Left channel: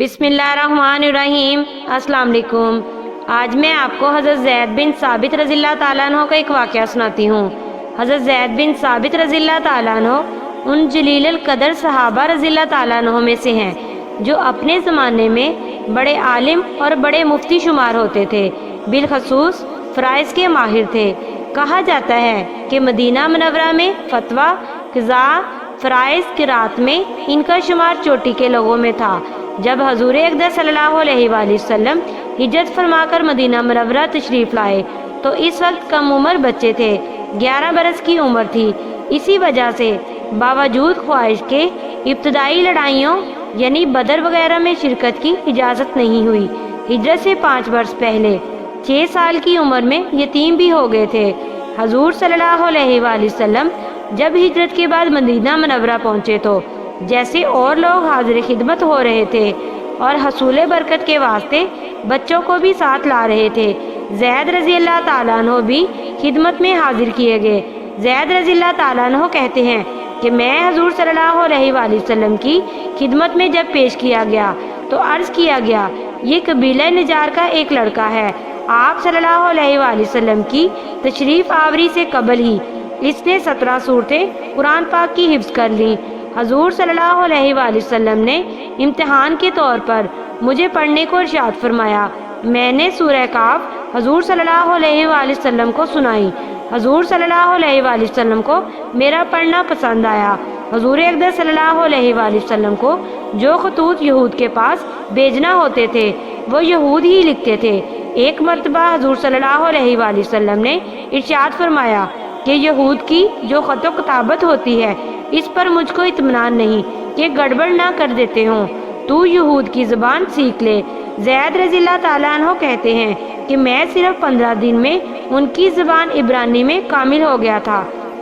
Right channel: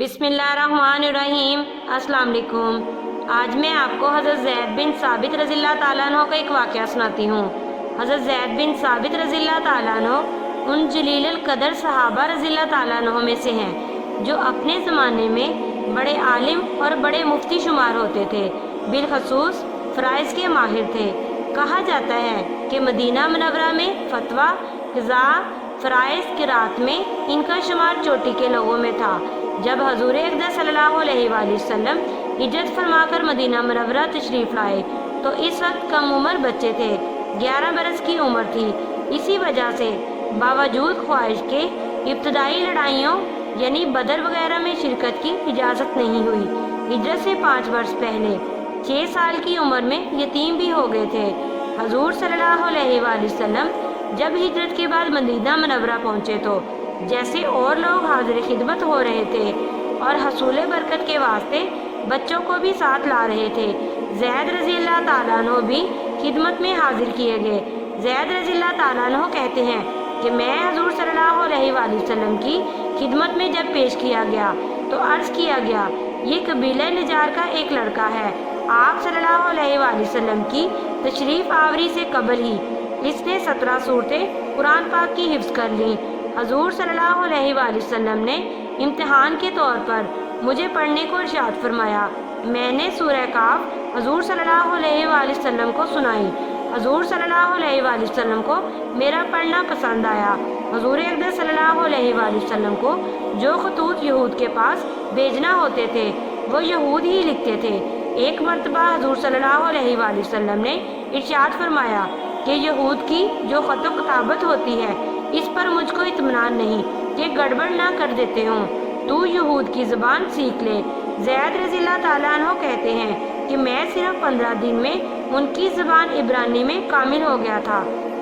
بسم اللہ الرحمن الرحیم۔ السلام علیکم۔ آج میں آپ کو حضرت زید بن ثابت رضی اللہ تعالیٰ عنہ کا ایک واقعہ سناتی ہوں۔ حضرت زید بن ثابت رضی اللہ تعالیٰ عنہ ان جلیل القدر صحابہ رضی اللہ تعالیٰ عنہ میں سے ہیں جو اپنے زمانے میں بڑے عالم اور بڑے مفتی شمار ہوتے تھے، بالخصوص فرائض کے ماہر تھے۔ کہا جاتا ہے کہ مدینہ منورہ میں فتویٰ، قضاء، فرائض، قرات میں ان کا شمار چوٹی کے لوگوں میں تھا۔ جب حضور اقدس صلی اللہ علیہ وآلہ وسلم ہجرت فرما کر مدینہ منورہ تشریف لائے تو اس وقت کم عمر بچے تھے، 11 برس کی عمر تھی۔ اسی وجہ سے باوجود خواہش کے ابتدائی لڑائیوں یعنی بدر وغیرہ میں شرکت کی اجازت نہیں ہوئی۔ ہجرت سے 5 برس پہلے 6 سال کی عمر میں یتیم بھی ہو گئے تھے۔ حضور صلی اللہ علیہ وآلہ وسلم جب ہجرت کے بعد مدینہ منورہ پہنچے تو جیسے اور لوگ حاضر خدمت ہو رہے تھے اور حصول برکت کے واسطے بچوں کو بھی ساتھ لا رہے تھے، زید رضی اللہ تعالیٰ عنہ بھی خدمت میں حاضر کیے گئے۔ زید رضی اللہ تعالیٰ عنہ کہتے ہیں کہ میں حضور صلی اللہ علیہ وآلہ وسلم کی خدمت میں جب پیش کیا گیا تو عرض کیا گیا، یہ قبیلہ نجار کا ایک لڑکا ہے۔ آپ صلی اللہ علیہ وآلہ وسلم کی تشریف آوری سے قبل ہی اس نے 17 سورتیں قرآن پاک کی حفظ کر لیں۔ حضور صلی اللہ علیہ وآلہ وسلم نے امتحان کے طور پر مجھے پڑھنے کو ارشاد فرمایا۔ میں نے سورہ کاف حضور صلی اللہ علیہ وآلہ وسلم کو سنائی۔ حضور صلی اللہ علیہ وآلہ وسلم کو میرا پڑھنا پسند آیا۔ حضور اقدس صلی اللہ علیہ وآلہ وسلم کو جو خطوط یہود کے پاس بھیجنا ہوتے تھے وہ یہود ہی لکھتے تھے۔ ایک مرتبہ حضور صلی اللہ علیہ وآلہ وسلم نے ارشاد فرمایا کہ یہود کی جو خط و کتابت ہوتی ہے اس پر مجھ کو اطمینان نہیں کہ گڑبڑ نہ کر دیتے ہوں، تو یہود کی زبان سیکھ لے۔ زید رضی اللہ تعالیٰ عنہ کہتے ہیں کہ میں صرف 15 دن میں ان کی زبان عبرانی میں کامل ہو گیا تھا۔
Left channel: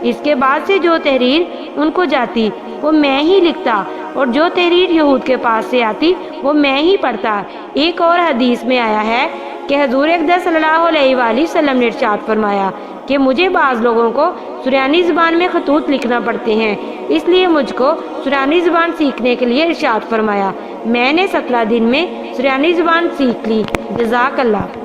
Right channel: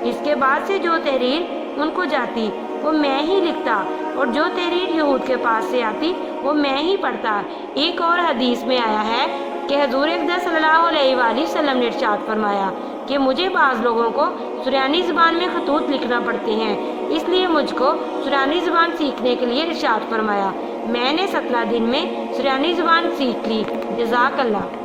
اس کے بعد سے جو تحریر ان کو جاتی وہ میں ہی لکھتا اور جو تحریر یہود کے پاس سے آتی وہ میں ہی پڑھتا۔ ایک اور حدیث میں آیا ہے کہ حضور اقدس صلی اللہ علیہ وآلہ وسلم نے ارشاد فرمایا کہ مجھے بعض لوگوں کو سریانی زبان میں خطوط لکھنا پڑتے ہیں، اس لیے مجھ کو سریانی زبان سیکھنے کے لیے ارشاد فرمایا۔ میں نے 17 دن میں سریانی زبان سیکھ لی۔ جزاک اللہ۔